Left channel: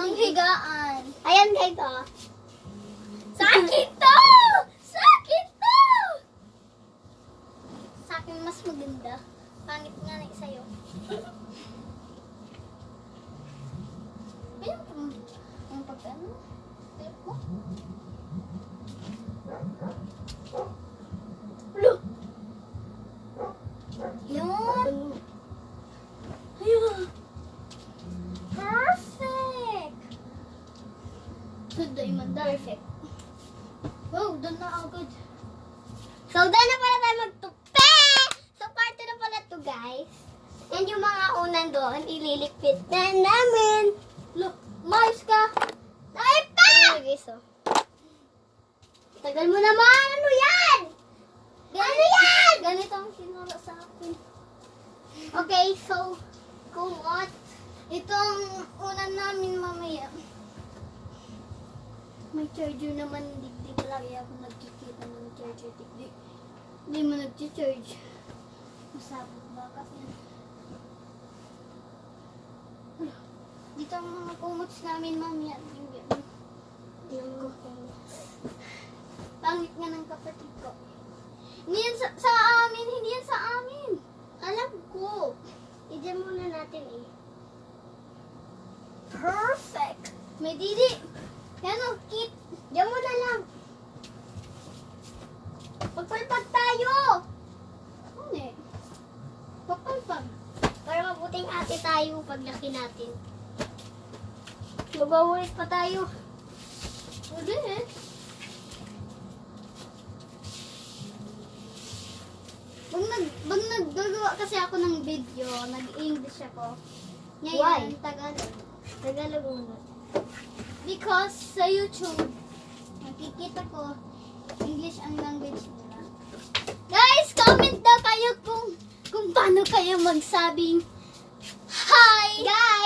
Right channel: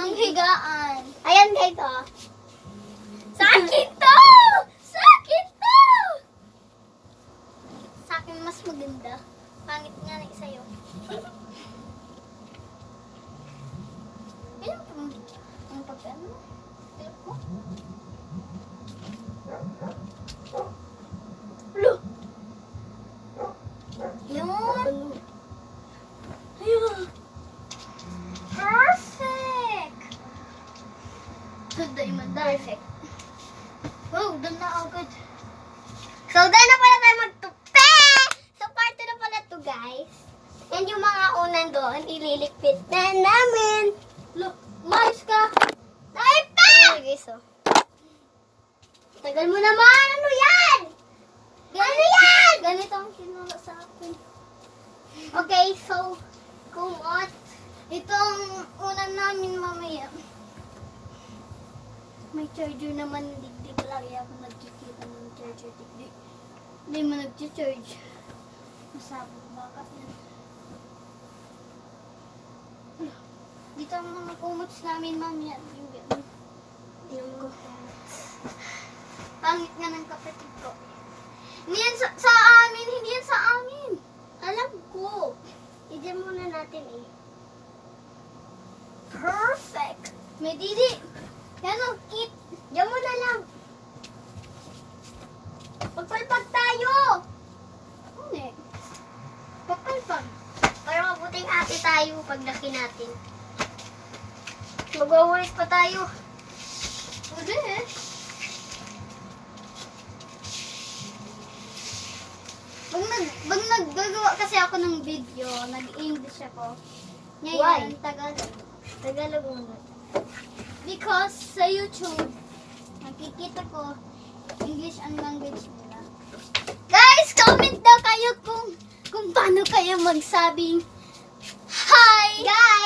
Ang higaan. Ayan guys, oh. Sakit to! Sakit to! Sa akin mas maganda. Pangit nga na sa'yo. Ayun po. Ang pagkano? Ayun po. Lo! Yun! Ayun! Perfect! Good diamond. Perfect. Wow, doon na agad. So, dahil na pala tayo magtupi! So, part 2 na pala to guys. And yung mga unan doon, ililikpit na namin. Look, mais ka! Tayo pa! Ano guys, oh. Tagal mo naman! Ano yan? Ano yan? Ganito ang sinula sa akin. Okay, so, kung what? Itong unan namin mamaya. May charger naman, digdi palagi ako nagkikita ng charger, digdi. Hindi mo nag-charge. Masabot ba kasi? Dito ang mga kumots namin mamaya. Yung Pangit nga ng kapatid ko. Hindi yan sa amin, hindi yan sa amin. alam ko. Diyan muna natin eh. Perfect. May didi. Yan o, kit. Diyan muna lang. Magpalpag tayo! Hindi. Papalpag. Para mabuting ate tayo pag laki natin. Magwawalis pa tayo. Pwede eh. Pag naggagawa kasi ako ng video, nag-English ako. Why? Ngayon, Tagalog. Tagalog muna. Because sa YouTube, nakikita ko English ang language nila. Guys, comment daw kayo kung paano kayo magsabing hi! Guys!